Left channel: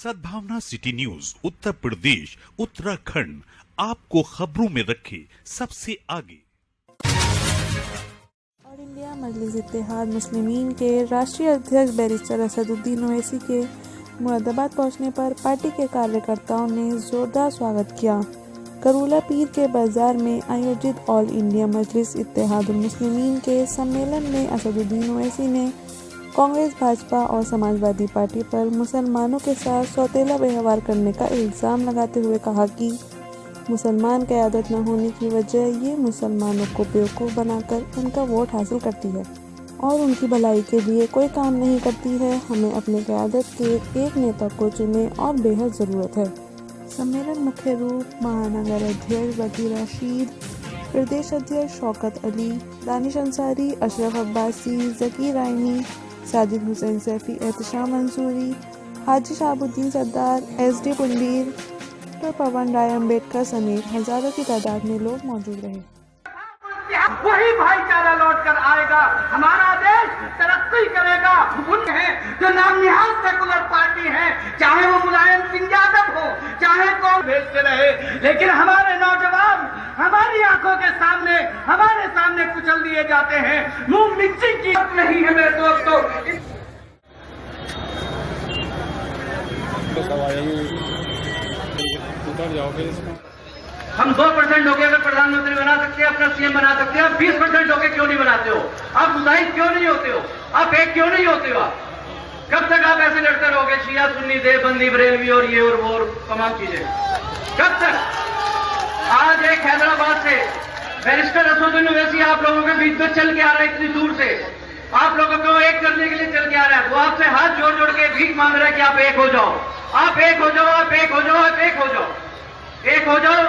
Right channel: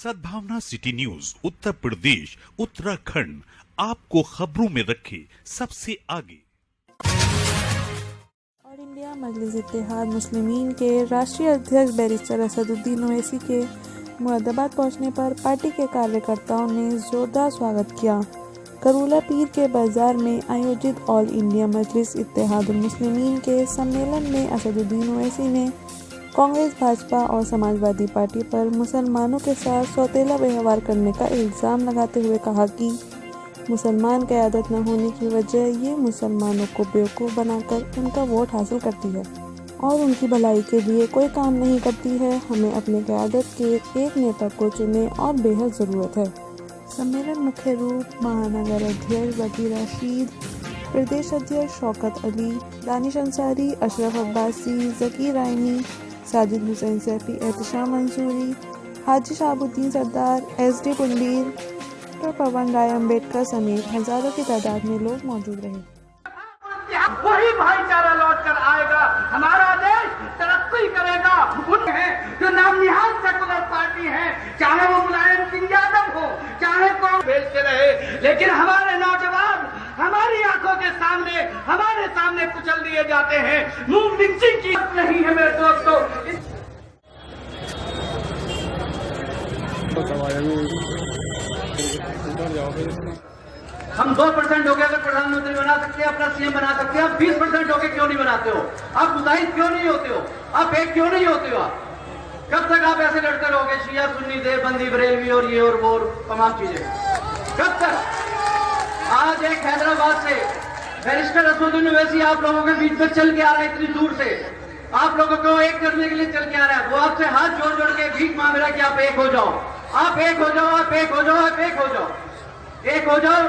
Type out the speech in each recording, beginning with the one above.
सद्भावना city news Uttar Pradesh Uttarakhand आपको खबरों में रखे सबसे आगे। ऑल इंडिया मजलिस इत्तेहाद मुस्लिमीन के राष्ट्रीय अध्यक्ष बैरिस्टर असदुद्दीन ओवैसी के मुरादाबाद पहुंचने पर पार्टी के कार्यकर्ताओं ने जोरदार स्वागत किया। करूला पीर के बाजार में आयोजित ऑल इंडिया मजलिस इत्तेहादुल मुस्लिमीन के सम्मेलन में असदुद्दीन ओवैसी ने कांग्रेस, भाजपा और समाजवादी पार्टी पर मुसलमानों के साथ सौतेला व्यवहार करने का इल्ज़ाम लगाते हुए कहा कि मुसलमान क़यादत न होने की वजह ये मुसलमानों को बेवकूफ़ बनाकर उनका वोट हासिल करती है और उनकी भलाई के लिए कोई काम नहीं करती है। हमें अपने क़यादत के एक नेता को चुने और बेहद ज़रूरत है। सम्मेलन मुख्य रूप महानगर अध्यक्ष वकील राशिद, प्रदेश अध्यक्ष शौकत अली, दानिश अंसारी, अशरफ अब्बासी, ज़की रायनी, साजिद हुसैन सैफी, एहतशाम मंसूरी, हाजी शाहबुद्दीन सरदार, SD पुंडीर, डॉक्टर पवन राय अम्बेडकर समेत हजारों की तादाद में लोग मौजूद रहे। वही भाईचारा लौट कर आएगा, हमारा देश तरक्की करेगा। उन है जो नामनिहाल सेकुलर पार्टी है, चाहे वो मुलायम सिंह यादव हो, चाहे कौन भेजते रहे, लेकिन हमारे नौजवान हमारी आंखों के सामने हमारे सामने कुचल दिए जाते हैं। मूंग मिर्ची की नहीं है मेरे दोस्तों। हम 2% हो गए अगर प्रधानमंत्री बना सकते हैं, अपना CM बना सकते हैं, आप 20% हो गए क्यों नहीं बनाते हो? आप मुजाहिद क्यों नहीं होते हो? आप एक क्यों नहीं होते हो? कब तक आप ऐसे लड़ते रहोगे? शिया सुन्नी देवबंदी बरेलवी और ये और वो और तमाम चीजें कब तक? आज एक हैदराबाद से बैरिस्टर असदुद्दीन ओवैसी आप लोगों के बीच में चल के आ रहा है, इतनी दूर से आप लोगों को एक करने के लिए चल के आ रहा है। वो आपसे हाथ जोड़ जोड़ के भीख मांग रहा है कि आप एक हो जाओ, आप एक हो जाओ, आप एक हो जाओ, आप एक हो जाओ, एक हो जाओ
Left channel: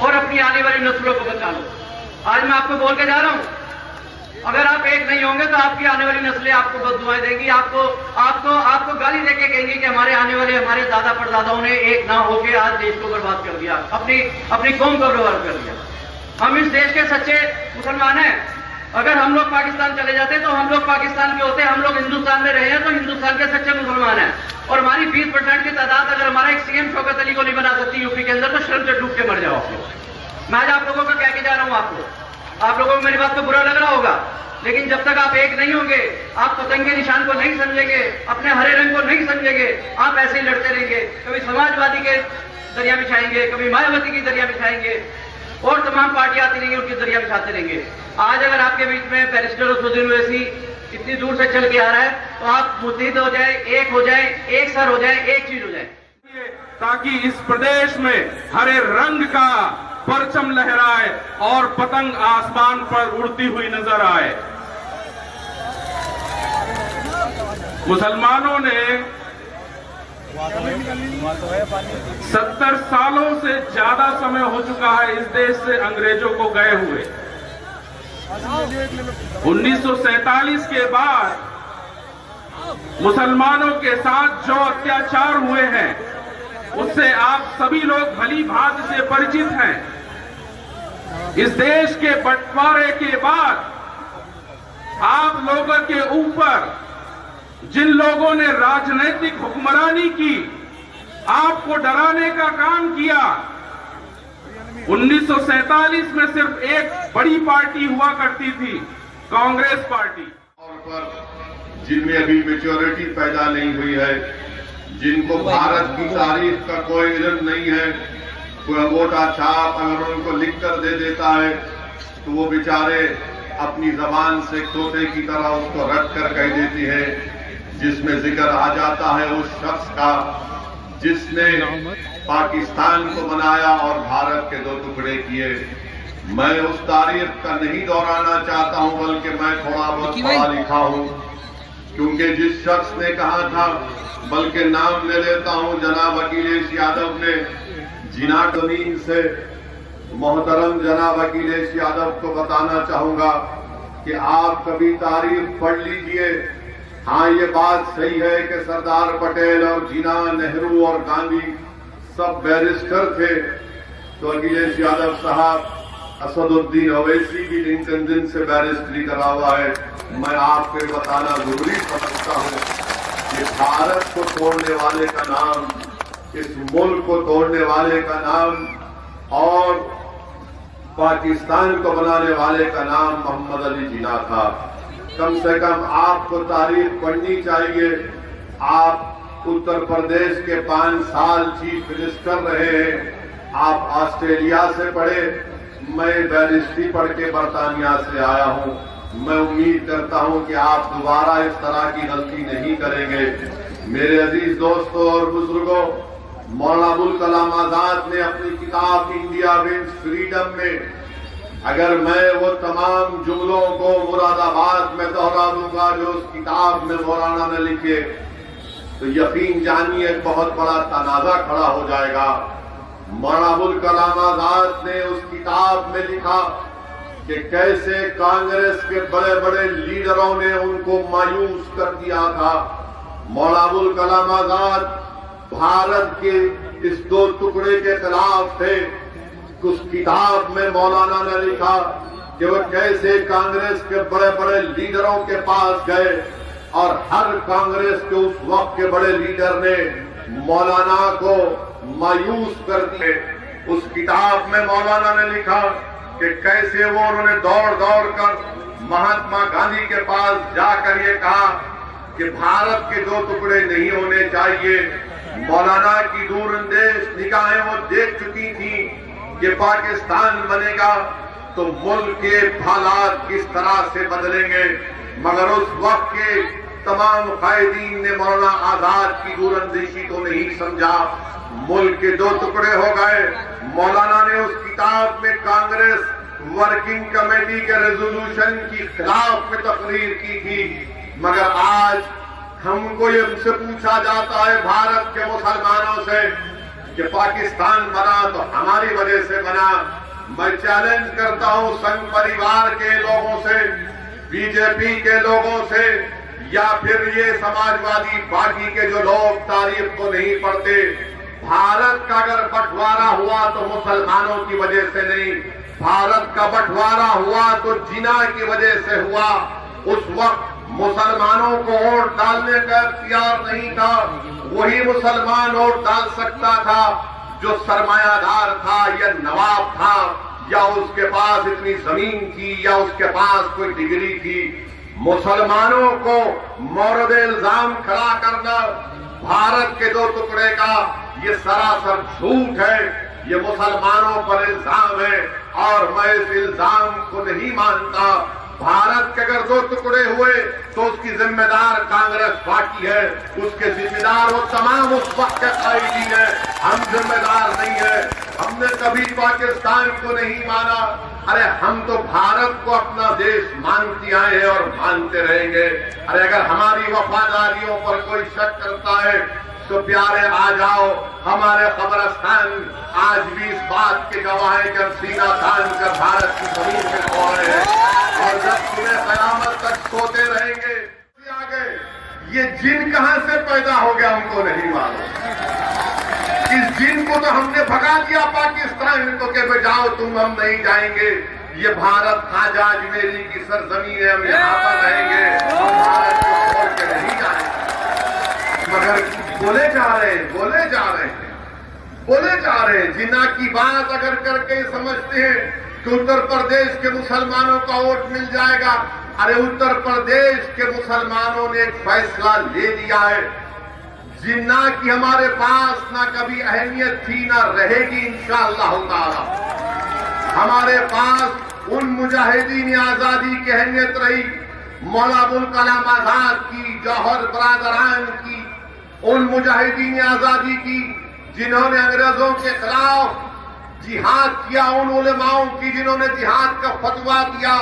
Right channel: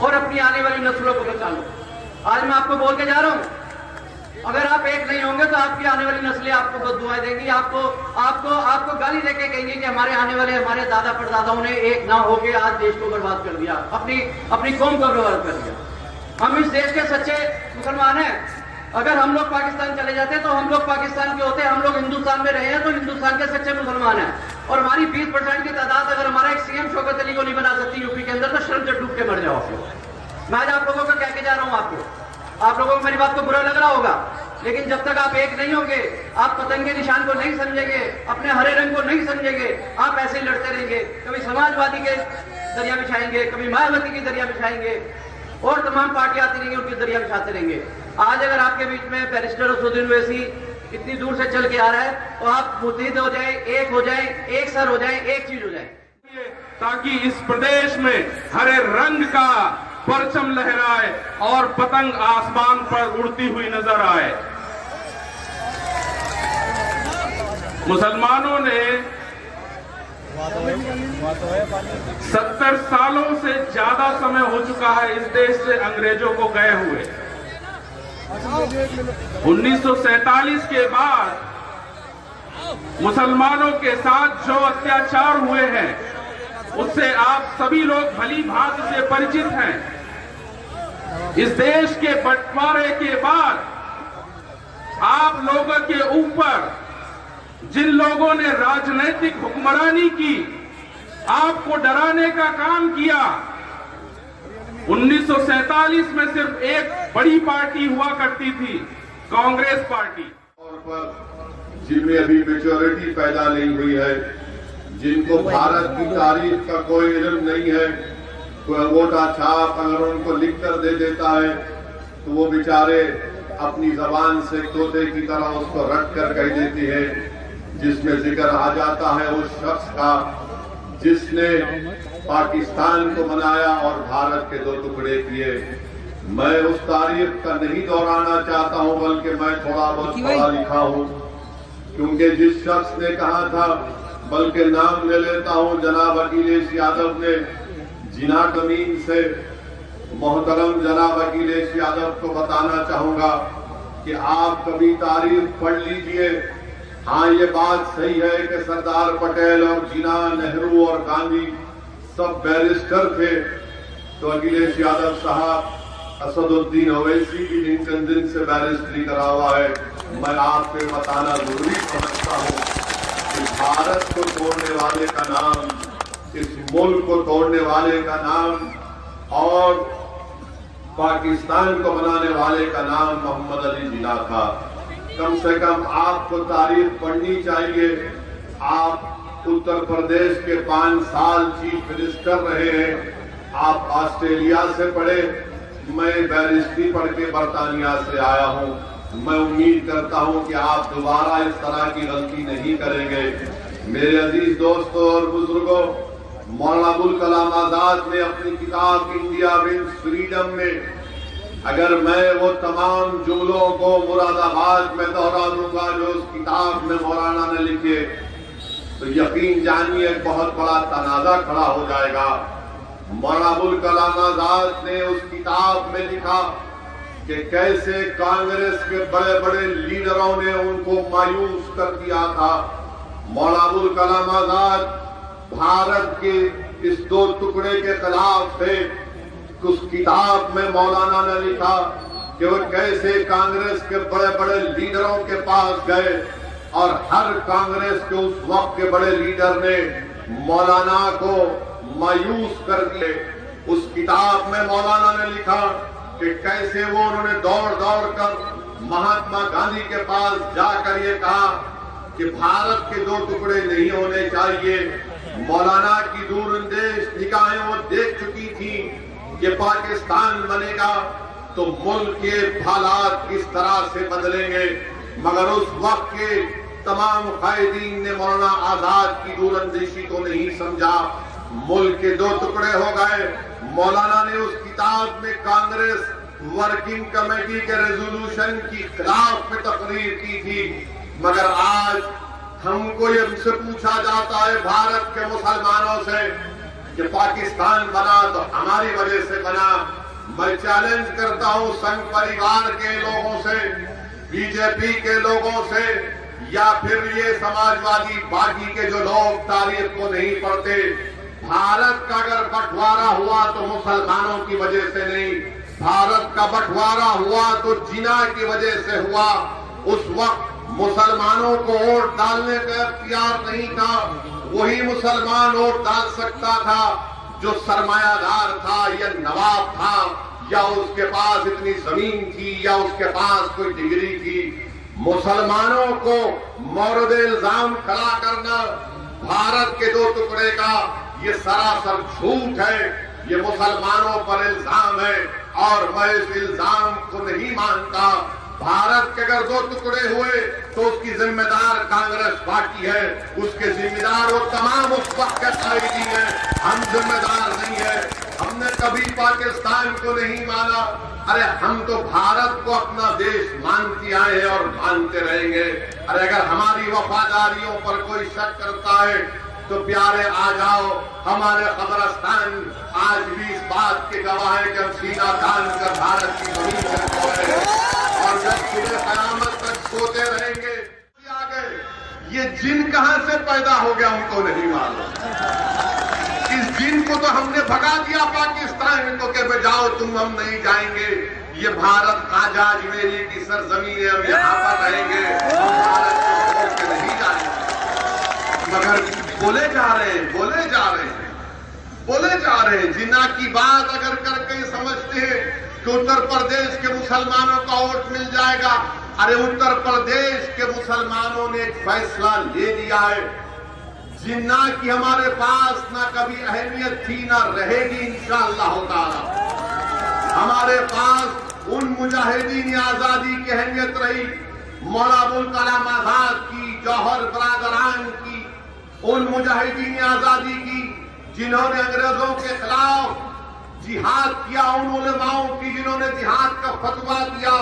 और अपनी आने वाली नस्लों को बचा लो। आज मैं आपको बोल के जा रहा हूं, अगर आप एक नहीं होंगे तो आपकी आने वाली नस्लें आपको बददुआएं देंगी, आपको गाली देके कहेंगे कि हमारे आने वाले हमारे दादा परदादाओं ने एक ना होके आज देश को बर्बाद कर दिया, अपनी कौम को बर्बाद कर दिया। हम इस देश के सच्चे मुसलमान हैं। अगर हम लोग पाकिस्तान चले जाते तो हम लोग पाकिस्तान के होते, हम लोग हिंदुस्तान में रहे हैं तो हिंदुस्तान के सच्चे मुसलमान हैं। और हमारी 20% की तादाद अगर हमारा एक CM शौकत अली को नहीं बना सकती यूपी के अंदर, तो शर्म से डूब के मर जाओ आप लोग। मैं आज आप लोगों को कह के जा रहा हूँ, आप लोगों को मेरी बात को बुरा लग रहा होगा, लेकिन जब तक आप एक नहीं होंगे, आप पतंग के निशान को नहीं समझेंगे, अपने हरे रंग को नहीं समझेंगे, आप ऐसे ही लड़ते रहेंगे। कभी समाजवादी के दरिया बिछाएंगे, कभी मायावती की दरिया बिछाएंगे और तमाम पार्टियां आती रहेंगी, उनकी दरिया बिछाते रहेंगे। आज अगर आपके बीच में बैरिस्टर असदुद्दीन ओवैसी इतनी दूर से चल के आ रहा है तो आप मुत्तहिद हो जाए, एक हो जाए, एक सर हो जाए, एक चीज हो जाए, ताकि इस प्रदेश में हरे रंग का परचम लहराए और पतंग आसमान पर उड़ती हुई नजर आए। मुसलमानों ने 70 सालों से ज्यादा समय हो चुका है इस देश से अंग्रेजों को गए हुए। 1947 के बाद मुसलमानों के साथ जो अत्याचार हुए हैं उससे आप सभी लोग भली भांति से परिचित हैं। इस देश के बंटवारे के बाद आप लोगों के ऊपर जिन लोगों ने राजनीतिक हुक्मरानी की, आपको डराने का काम किया। 1947 में सिर्फ एक बड़ी पार्टी हुआ करती थी, कांग्रेस पार्टी। और पर जिनमें अभी मेच्योरिटी पैदा नहीं हुई है, जिनको भारत की तारीख का कोई इल्म नहीं है, कोई अंगूठा छाप अगर उनको लिख कर दे देता है तो वो बेचारे अपनी जबान से तोते की तरह उसको रट कर कह देती है, जिसमें जिक्र आ जाता है उस शख्स का जिसने पाकिस्तान को बनाया और भारत के 2 टुकड़े किए। मैं उस तारीख का नहीं दोहराना चाहता हूं, बल्कि मैं थोड़ा बहुत पढ़ा लिखा हूं, क्योंकि जिस शख्स ने कहा था, बल्कि नाम ले लेता हूं, जनाब अखिलेश यादव ने जिना जमीन से मोहतरम जनाब अखिलेश यादव को बताना चाहूंगा कि आप कभी तारीख पढ़ लीजिए। हाँ, ये बात सही है कि सरदार पटेल और जिना, नेहरू और गांधी सब बैरिस्टर थे, तो अखिलेश यादव साहब, असदुद्दीन ओवैसी भी लिंकन दिन से बैरिस्टरी करा हुआ है। मैं आपको बताना जरूरी समझता हूं भारत को तोड़ने वाले का नाम, इस मुल्क को तोड़ने वाले का नाम और पाकिस्तान को बनाने वाले का नाम मोहम्मद अली जिन्ना था। कम से कम आपको तारीफ पढ़नी चाहिए। आप उत्तर प्रदेश के 5 साल चीफ मिनिस्टर रहे हैं। आप ऑस्ट्रेलिया से पढ़े, मैं बैरिस्ट्री पढ़ के बरतानिया से आया हूं। मैं उम्मीद करता हूं कि आप दोबारा इस तरह की गलती नहीं करेंगे। मेरे अजीज दोस्तों और बुजुर्गों, मौलाना अबुल कलाम आजाद ने अपनी किताब इंडिया विंस फ्रीडम में, अगर मैं वो तमाम जुमलों को मुरादाबाद में दोहरा दूंगा जो उस किताब में मौलाना ने लिखे, तो यकीन जानिए एक बहुत बड़ा तनाजा खड़ा हो जाएगा। मौलाना अबुल कलाम आजाद ने उस किताब में लिखा कि कैसे कांग्रेस के बड़े बड़े लीडरों ने उनको मायूस कर दिया था। मौलाना अबुल कलाम आजाद भारत के इस 2 टुकड़े के खिलाफ थे। उस किताब में मौलाना ने लिखा कि वो कैसे कांग्रेस के बड़े बड़े लीडरों के पास गए और हर कांग्रेस के उस वक्त के बड़े लीडर ने मौलाना को मायूस कर दिए। उस किताब में मौलाना ने लिखा कि कैसे वो उन्होंने दौड़ दौड़ कर महात्मा गांधी के पास जाकर ये कहा कि भारत के 2 टुकड़े नहीं होने चाहिए। मौलाना की दूरंदेश निगाहें वो देख चुकी थी कि पाकिस्तान बनेगा तो मुल्क के हालात किस तरह से बदलेंगे, मगर उस वक्त के तमाम कायदीन ने मौलाना आजाद की दूरंदेशी को नहीं समझा। मुल्क के 2 टुकड़े हो गए। मौलाना ने उस किताब में कांग्रेस वर्किंग कमेटी के रेजोल्यूशन की खिलाफ में तकरीर की थी, मगर आज हमको ये से पूछा जाता है भारत के मुसलमानों से कि पाकिस्तान बना तो हमारी वजह से बना। मैं चैलेंज करता हूं संघ परिवार के लोगों से, बीजेपी के लोगों से, या फिर ये समाजवादी बाकी के जो लोग तारीख को नहीं पढ़ते, भारत का अगर बंटवारा हुआ तो मुसलमानों की वजह से नहीं, भारत का बंटवारा हुआ तो जिन्ना की वजह से हुआ। उस वक्त मुसलमानों को वोट डालने का इख्तियार नहीं था। वही मुसलमान वोट डाल सकता था जो सरमायादार था या नवाब था या उसके पास इतनी जमीन थी या उसके पास कोई डिग्री थी। मुसलमानों को मौरद इल्जाम खड़ा करना भारत के 2 टुकड़े का ये सरासर झूठ है। ये मुसलमानों पर इल्जाम है और मैं इस इल्जाम को नहीं मानता। भारत के अगर 2 टुकड़े हुए तो उसकी जिम्मेदार कांग्रेस पार्टी है, उसके जिम्मेदार वो तमाम उस वक्त के कायदीन है। हम जिम्मेदार नहीं है। हमने कभी पाकिस्तान को नहीं माना। अरे हम तो भारत को अपना देश मानते आए हैं और मानते रहेंगे। अरे अगर हमारी वफादारियों पर कोई शक करता है तो प्यारे आ जाओ, हमारे कब्रिस्तान आज भी इस बात के गवाह है कि हम सीना तान कर भारत की जमीन से खोए हैं और जब सुबह कयामत तक सोते रहेंगे। ये जिन कहां से पैदा हो गया हमको नहीं मालूम। इस जिन को तो हमने भगा दिया पाकिस्तान को कि जाओ तुम, हम नहीं जाएंगे। ये भारत खाजा अजमेरी की सरजमीन है, हम यहाँ पर रहेंगे, हम भारत को छोड़ के नहीं जाएंगे। मगर बोले जा रहे हैं जिन्ना की बात अगर करके समझते हैं कि उत्तर प्रदेश के मुसलमानों का वोट मिल जाएगा। अरे उत्तर प्रदेश के मुसलमानों ने एक फैसला ले लिया है। जिन्ना की हमारे पास ना कभी अहमियत थी ना रहेगी इंशाअल्लाह ताला। हमारे पास उन मुजाहिदीन आजादी की अहमियत रही, मौलाना अबुल कलाम आजाद की, जौहर बरादरान की, उन मुजाहिदीन आजादी की जिन्होंने अंग्रेजों के खिलाफ जिहाद किया, उन उलमाओं की जिन्होंने जिहाद का फतवा दिया।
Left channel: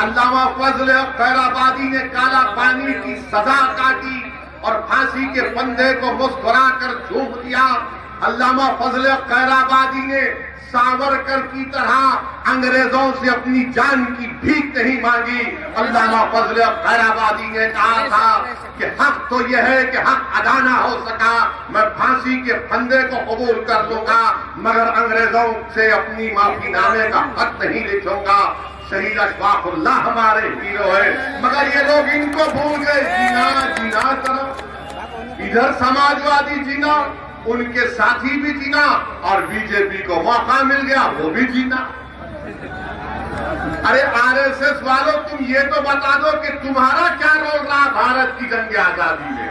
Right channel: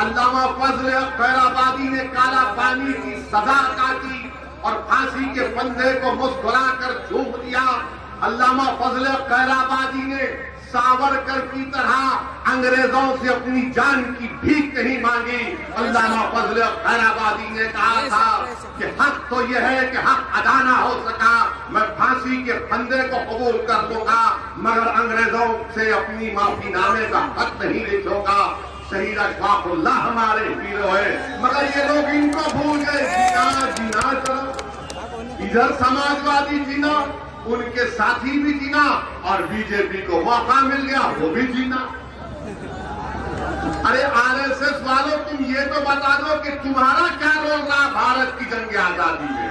अल्लामा फजल खैराबादी ने काला पानी की सजा काटी और फांसी के फंदे को मुस्कुरा कर झूम दिया। अल्लामा फजल खैराबादी ने सावरकर की तरह अंग्रेजों से अपनी जान की भीख नहीं मांगी। अल्लामा फजल खैराबादी ने कहा था कि हक तो यह है कि हक अदा ना हो सका, मैं फांसी के फंदे को कबूल कर लूंगा, मगर अंग्रेजों से अपनी माफीनामे का खत नहीं लिखूंगा। शहीद अशफाकुल्लाह हमारे हीरो है, मगर ये लोग इनको भूल गए। जीना जीना करो, इधर समाजवादी जीना, उनके साथी भी जीना और बीजेपी को मौका मिल गया वो भी जीना। अरे आरएसएस वालों, तुम ये तो बता दो कि तुम्हारा क्या रोल रहा भारत की जंग आजादी में?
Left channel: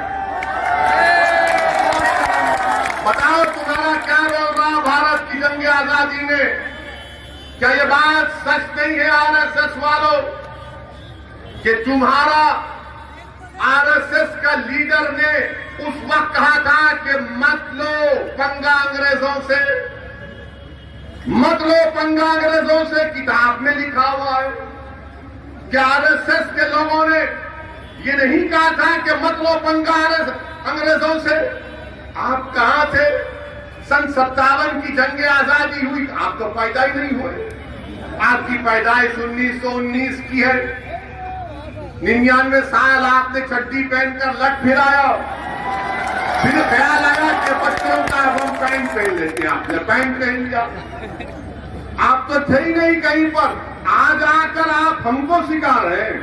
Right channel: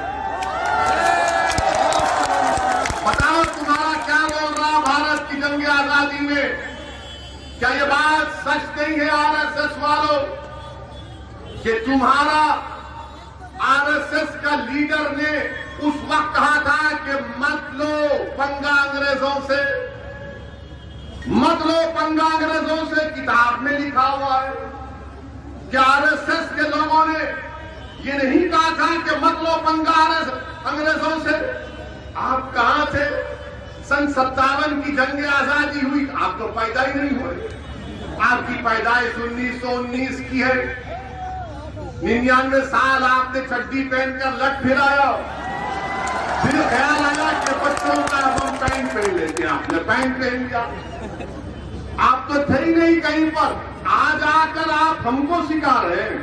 बताओ तुम्हारा क्या रोल रहा भारत की जंग आजादी में? क्या ये बात सच नहीं है आरएसएस वालों कि तुम्हारा आरएसएस का लीडर ने उस वक्त कहा था कि मत लो पंगा अंग्रेजों से, मत लो पंगा अंग्रेजों से, किताब में लिखा हुआ है। कि आरएसएस के लोगों ने ये नहीं कहा था कि मत लो पंगा अंग्रेजों से? आप कहां थे? सन 57 की जंग आजादी हुई, आप तो पैदा ही नहीं हुए। आपकी पैदाइश 1919 की है। 99 साल आपने चड्डी पहनकर लट फिराया, फिर ख्याल आया कि बच्चों का हम पैंट पहन लेते हैं, आपने पैंट पहन लिया। आप तो थे ही नहीं कहीं पर, आज आकर आप हमको सिखा रहे हैं,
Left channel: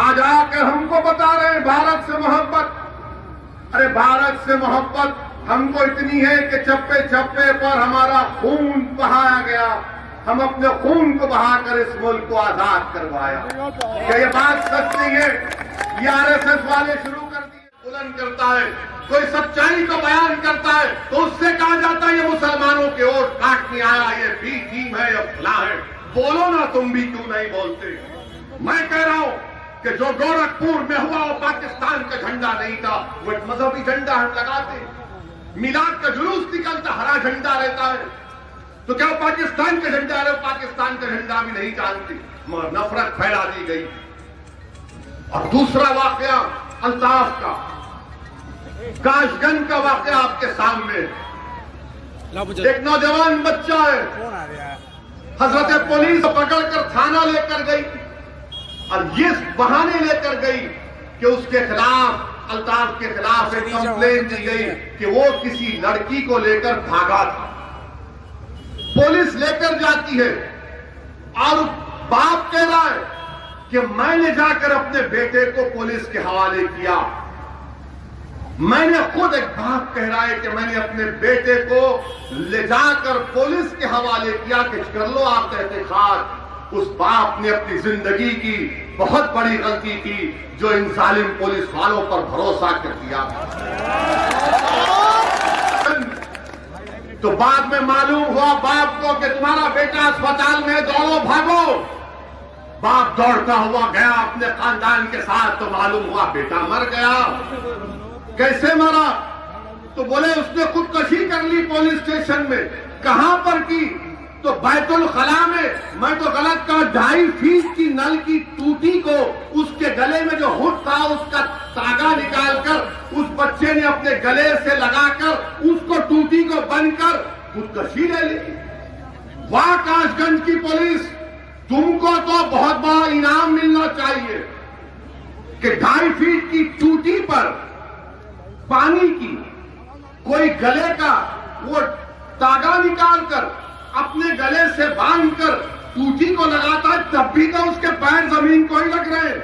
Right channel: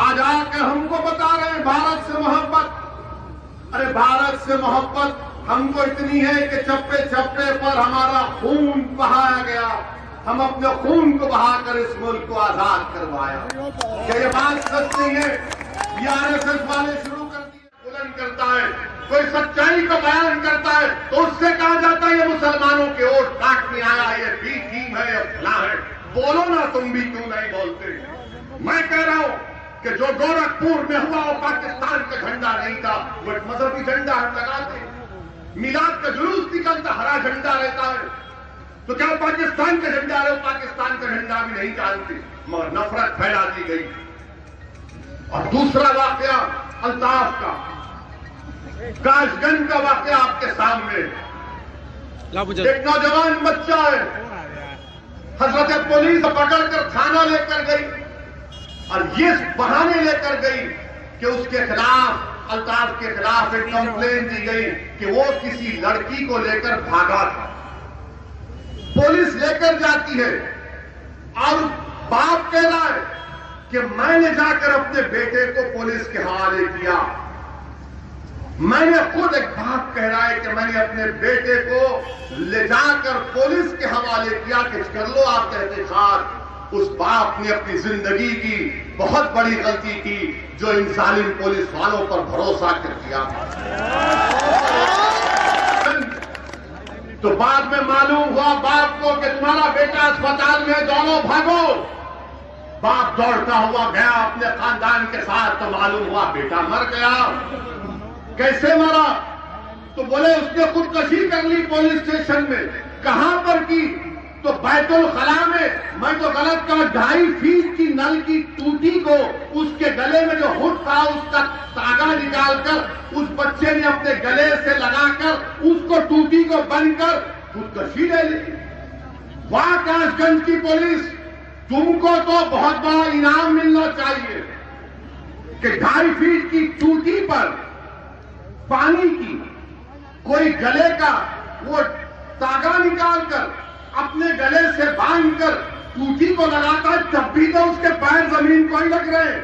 आज आकर हमको बता रहे हैं भारत से मोहब्बत। अरे भारत से मोहब्बत हमको इतनी है कि चप्पे चप्पे पर हमारा खून बहाया गया, हम अपने खून को बहाकर इस मुल्क को आजाद करवाया। क्या ये बात सच नहीं है? ये आरएसएस वाले शुरू कर दिए। बुलंद करता है, कोई सच्चाई का बयान करता है तो उससे कहा जाता है ये मुसलमानों के वोट काटने आया, ये बी टीम है, ये फला है। बोलो ना तुम भी, क्यों नहीं बोलते? मैं कह रहा हूं कि जो गोरखपुर में हुआ वो पाकिस्तान का झंडा नहीं था, वो मजहबी झंडा हम लगाते। मिलाद का जुलूस निकलता, हरा झंडा रहता है, तो क्या पाकिस्तान का झंडा है? पाकिस्तान का झंडा भी नहीं जानती, मगर नफरत फैला दी गई। और दूसरा वाकया अल्ताफ का, काशगंज का वाकया आपके सामने। एक नौजवान बच्चा है, हजरत पुलिस पकड़कर थाना लेकर गई और ये बहाने लेकर गई कि उसके खिलाफ, अल्ताफ के खिलाफ एक कंप्लेंट दी गई कि वो किसी लड़की को लेकर भागा था। पुलिस लेकर जाती है और बाप कह रहा है कि मैंने जाकर अपने बेटे को पुलिस के हवाले किया। मैंने खुद, एक बाप कह रहा है कि मैंने अपने बेटे को ले जाकर पुलिस के हवाले किया कि कर लो आप एहतिसाब। उस बाप ने अपनी जिंदगी की बहुत बड़ी गलती की जो इन जालिम पुलिस वालों पर भरोसा कर दिया। तो बाद में मालूम हुआ बाप को कि तुम्हारा बेटा अस्पताल में, दोनों भागो। बाप दौड़ता हुआ गया अपने खानदान के साथ, तो मालूम हुआ बेटा मर गया। कैसे मरा? तो बोले उसने खुदकशी कर ली पुलिस स्टेशन में। कहां पर की? तो बैतुल खला में। मैं तो गलत कहा, 2.5 फीट की नल की टूटी को उसके गले में जो हुड था उसका तागा निकालकर उस बच्चे ने अपने गले से लगाकर उसको टूटी को बनकर खुदकशी ले ली। वाह काशगंज की पुलिस, तुमको तो बहुत बड़ा इनाम मिलना चाहिए कि 2.5 फीट की टूटी पर पानी की कोई गले का वो तागा निकालकर अपने गले से बांधकर टूटी को लगाता, तब भी तो उसके पैर जमीन को ही लग रहे,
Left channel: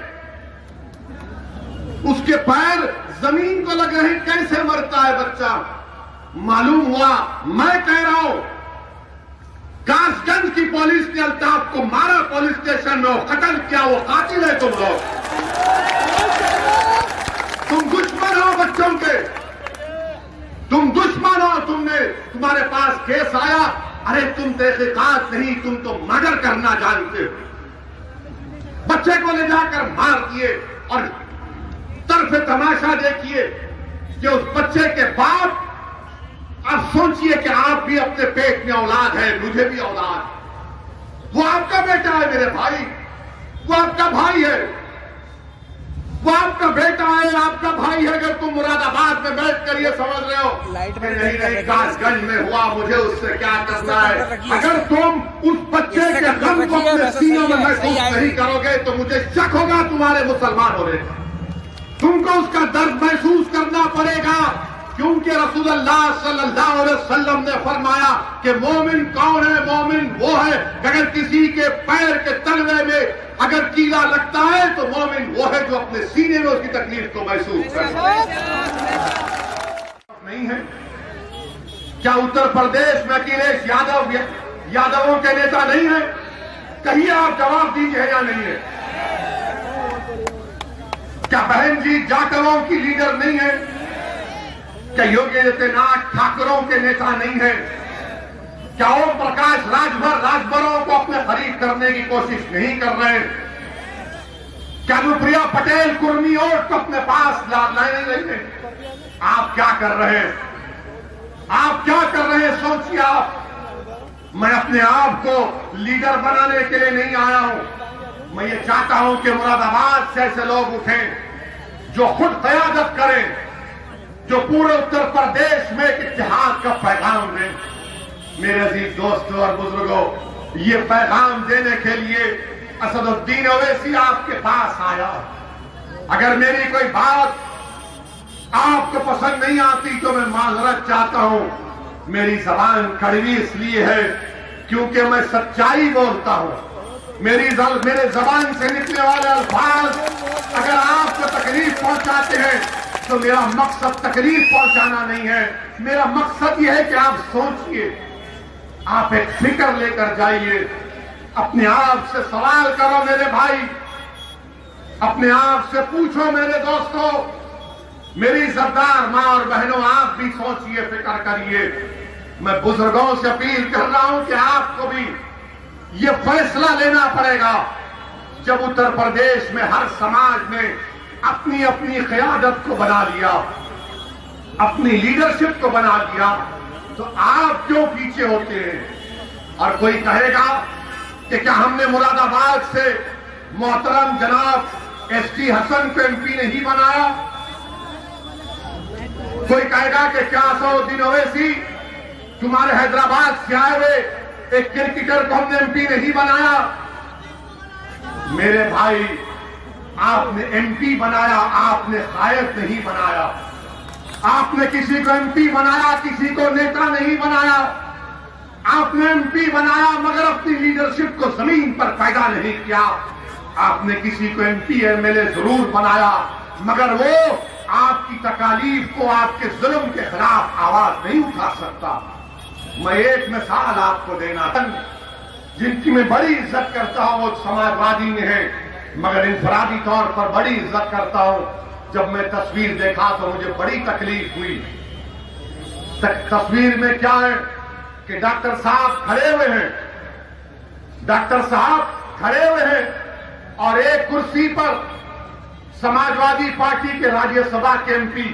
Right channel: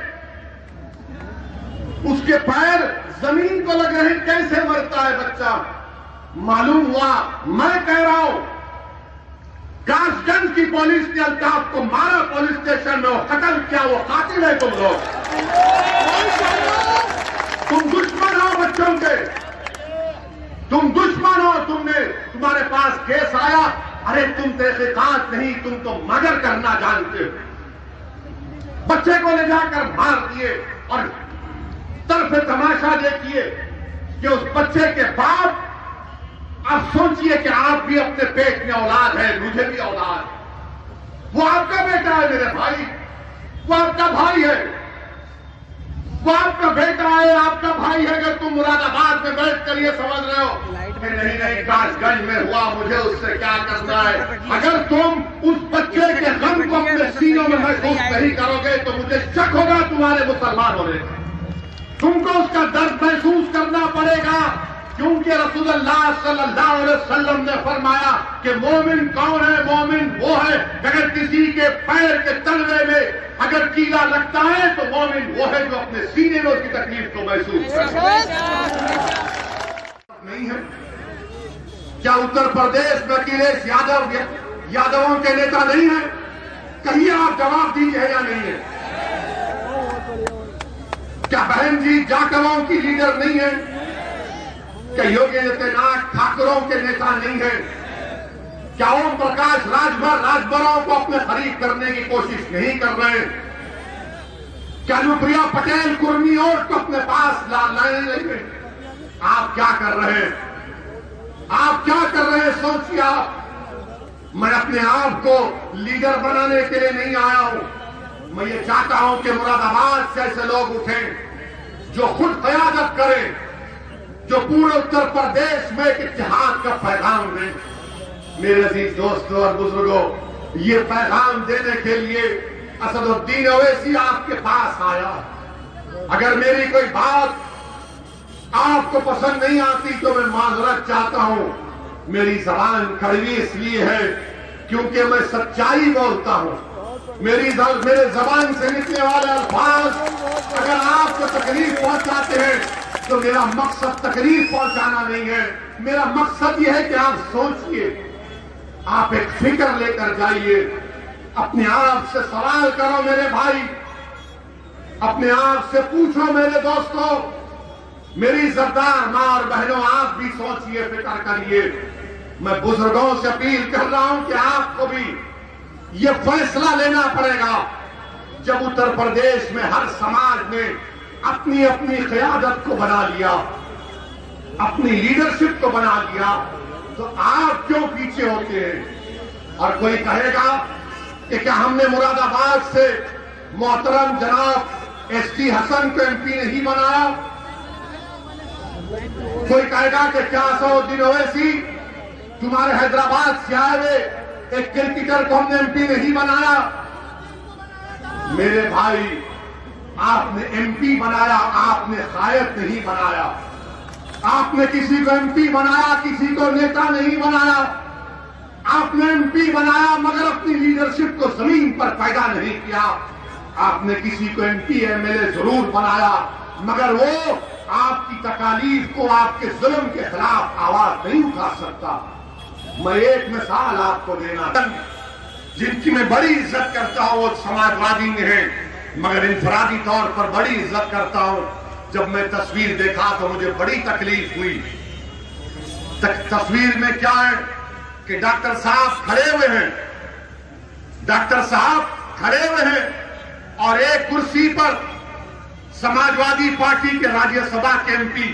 उसके पैर जमीन को लग रहे। कैसे मरता है बच्चा? मालूम हुआ, मैं कह रहा हूं काशगंज की पुलिस ने अल्ताफ को मारा, पुलिस स्टेशन में कत्ल किया, वो कातिल है तुम लोग। तुम दुश्मन हो बच्चों के, तुम दुश्मन हो। तुम्हारे पास केस आया, अरे तुम तहकीकात नहीं, तुम तो मर्डर करना जानते हो। बच्चे को ले जाकर मार दिए और तरफ तमाशा देखिए कि उस बच्चे के बाप, अब सोचिए कि आप भी अपने पेट में औलाद है, मुझे भी औलाद है। वो आपका बेटा है मेरे भाई, वो आपका भाई है, वो आपका बेटा है, आपका भाई है। अगर तुम मुरादाबाद में बैठ कर ये समझ रहे हो कि नहीं काशगंज में हुआ, मुझे उससे क्या करना है, अगर तुम उस बच्चे के गम को अपने सीनों में महसूस नहीं करोगे तो मुझे शक होगा तुम्हारे मुसलमान होने। तुमको उसका दर्द महसूस करना पड़ेगा क्योंकि रसूलुल्लाह सल्लल्लाहु अलैहि वसल्लम ने फरमाया कि मोमिन कौन है? मोमिन वो है अगर किसी के पैर के तलवे में अगर कीड़ा लगता है तो मोमिन वो है जो अपने सीने में उसकी तकलीफ को महसूस करे। नहीं है क्या उत्तर प्रदेश में अखिलेश यादवों के नेता नहीं है? कहिए आप जवाब दीजिए या नहीं है? क्या बहन जी जाटवों की लीडर नहीं है? क्या योगी आदित्यनाथ ठाकरों के नेता नहीं है? क्या ओम प्रकाश राजभरों को अपने खरीद करने की कोशिश नहीं कर रहे? क्या अनुप्रिया पटेल कुर्मी वोट को अपने पास नहीं लेंगे? आप क्या कर रहे हैं? आप क्या कर रहे हैं? सोचिए आप। मैं अपने आप को लीडर बनाने के लिए नहीं आया हूं। मैं ये चाहता हूं कि मुरादाबाद से ऐसे लोग उठें जो खुद क़यादत करें, जो पूरे उत्तर प्रदेश में एक इत्तेहाद का पैगाम दें। मेरे अजीज दोस्तों और बुजुर्गों, ये पैगाम देने के लिए असदुद्दीन ओवैसी आपके पास आया। अगर मेरी कोई बात आपको पसंद नहीं आती तो मैं माजरत चाहता हूं। मेरी जबान कड़वी इसलिए है क्योंकि मैं सच्चाई बोलता हूं। मेरे जबान से निकलने वाले अल्फाज अगर आपको तकलीफ पहुंचाते हैं तो मेरा मकसद तकलीफ पहुंचाना नहीं है। मेरा मकसद यह है कि आप सोचिए, आप एक फिक्र लेकर जाइए, अपने आप से सवाल करो मेरे भाई, अपने आप से पूछो मेरे दोस्तों, मेरी सरदार मां और बहनों, आप भी सोचिए, फिक्र करिए। मैं बुजुर्गों से अपील कर रहा हूं कि आपको भी ये फैसला लेना पड़ेगा। जब उत्तर प्रदेश में हर समाज ने अपनी अपनी क़यादत को बना लिया, अपनी लीडरशिप को बना लिया, तो आप क्यों पीछे होते हैं? और कोई कहेगा कि क्या हमने मुरादाबाद से मोहतरम जनाब एसटी हसन को एमपी नहीं बनाया? कोई कहेगा कि क्या असदुद्दीन ओवैसी तुम्हारे हैदराबाद से आए हुए एक क्रिकेटर को हमने एमपी नहीं बनाया? मेरे भाई, आपने एमपी बनाया, आपने कायद नहीं बनाया। आपने किसी को एमपी बनाया, किसी को नेता नहीं बनाया। आपने एमपी बनाया मगर अपनी लीडरशिप को जमीन पर पैदा नहीं किया। आपने किसी को एमपी एमएलए जरूर बनाया मगर वो आपकी तकालीफ को, आपके जुल्म के खिलाफ आवाज नहीं उठा सकता। मैं एक मिसाल आपको देना, जिनकी मैं बड़ी इज्जत करता हूं, वो समाजवादी में है, मगर इंफरादी तौर पर बड़ी इज्जत करता हूं। जब मैं तस्वीर देखा तो मुझे बड़ी तकलीफ हुई। तस्वीर में क्या है कि डॉक्टर साहब खड़े हुए हैं, डॉक्टर साहब खड़े हुए हैं और एक कुर्सी पर समाजवादी पार्टी के राज्यसभा के एमपी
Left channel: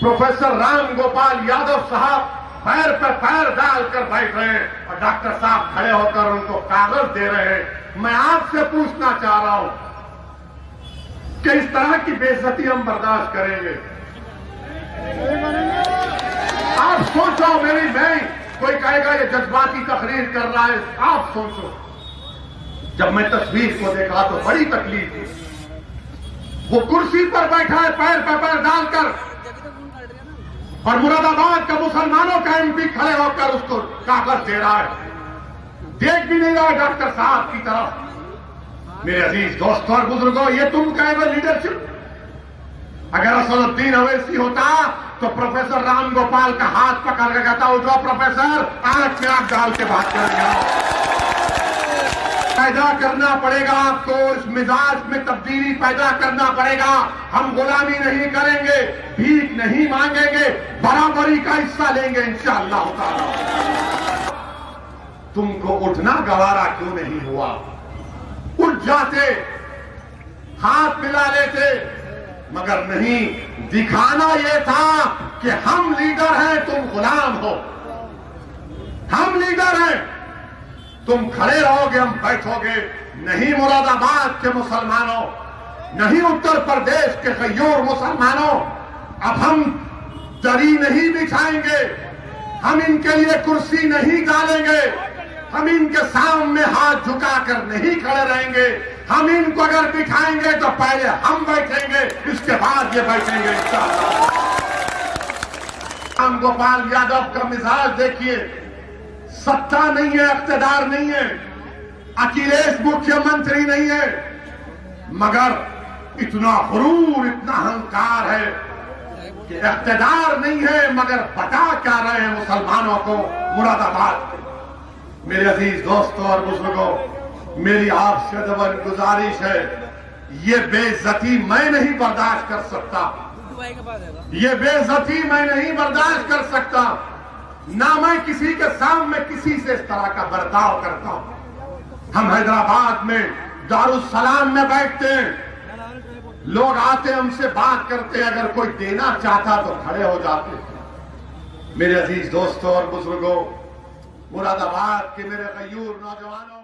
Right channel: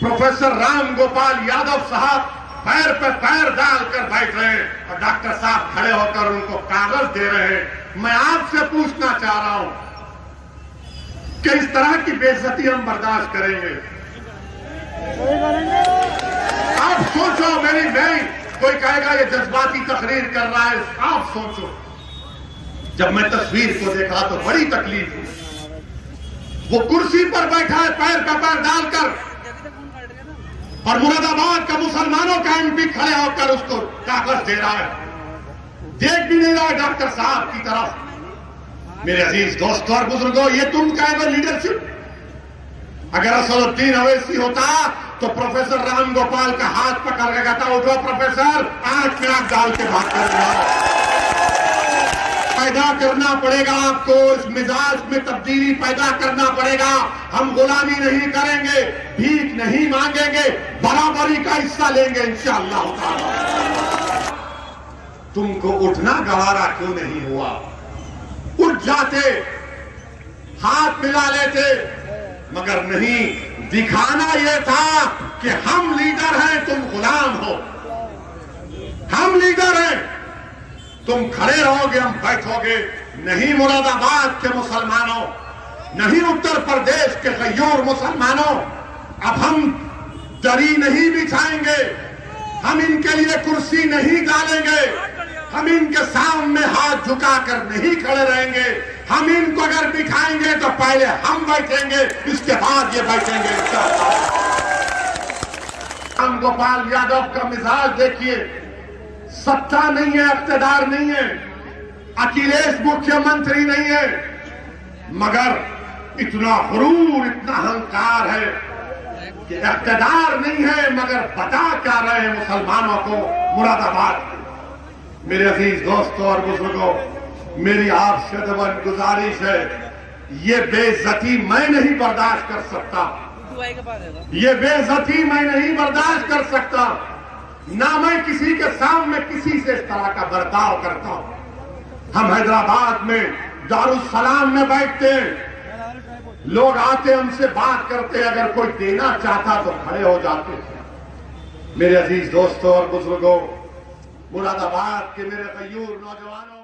प्रोफेसर राम गोपाल यादव साहब पैर पे पैर डालकर बैठे हैं और डॉक्टर साहब खड़े होकर उनको कागज दे रहे हैं। मैं आपसे पूछना चाह रहा हूं कि इस तरह की बेइज्जती हम बर्दाश्त करेंगे? आप सोचो मेरी बहन, कोई कहेगा ये जज्बाती तकरीर कर रहा है। आप सोचो, जब मैं तस्वीर को देखा तो बड़ी तकलीफ हुई। वो कुर्सी पर बैठा है पैर पे पैर डालकर और मुरादाबाद का मुसलमानों का एमपी खड़े होकर उसको कागज दे रहा है, देख भी नहीं रहा है डॉक्टर साहब की तरफ। मेरे अजीज दोस्तों और बुजुर्गों, ये तुम कहे लीडरशिप? अगर असदुद्दीन ओवैसी होता तो प्रोफेसर राम गोपाल का हाथ पकड़ के कहता, उठो प्रोफेसर, आंख में आंख डाल के बात करेगा। पैदा करना पड़ेगा आपको, इस मिजाज में तब्दीली पैदा करना पड़ेगा। हम गुलामी नहीं करेंगे, भीख नहीं मांगेंगे, बराबरी का हिस्सा लेंगे इंशाअल्लाह ताला। तुमको उठना गवारा क्यों नहीं हुआ? उठ जाते, हाथ मिला लेते, मगर नहीं, दिखाना यह था कि हम लीडर हैं, तुम गुलाम हो। हम लीडर हैं, तुम खड़े रहोगे, हम बैठोगे। नहीं मुरादाबाद के मुसलमानों, नहीं उत्तर प्रदेश के गयूर मुसलमानों, अब हम दरी नहीं बिछाएंगे, हम इनके लिए कुर्सी नहीं डालेंगे, हम इनके सामने हाथ झुकाकर नहीं खड़े रहेंगे। हम इनको अगर बिठाएंगे तो पहले हम बैठेंगे, इसके बाद ये बैठेंगे। राम गोपाल यादव का मिजाज देखिए, सत्ता नहीं है, इख्तिदार नहीं है, अखिलेश मुख्यमंत्री नहीं है, मगर इतना गुरूर, इतना अहंकार है कि इख्तिदार नहीं है मगर बता क्या रहे हैं मुसलमानों को मुरादाबाद। मेरे अजीज दोस्तों और बुजुर्गों, मेरी आपसे दवन गुजारिश है, ये बेइज्जती मैं नहीं बर्दाश्त कर सकता, ये बेइज्जती मैं नहीं बर्दाश्त कर सकता, ना मैं किसी के सामने किसी से इस तरह का बर्ताव करता हूं। हम हैदराबाद में दारुस्सलाम में बैठते हैं, लोग आते हमसे बात करते, अगर कोई देना चाहता तो खड़े हो जाते। मेरे अजीज दोस्तों और बुजुर्गों, मुरादाबाद के मेरे गयूर नौजवानों,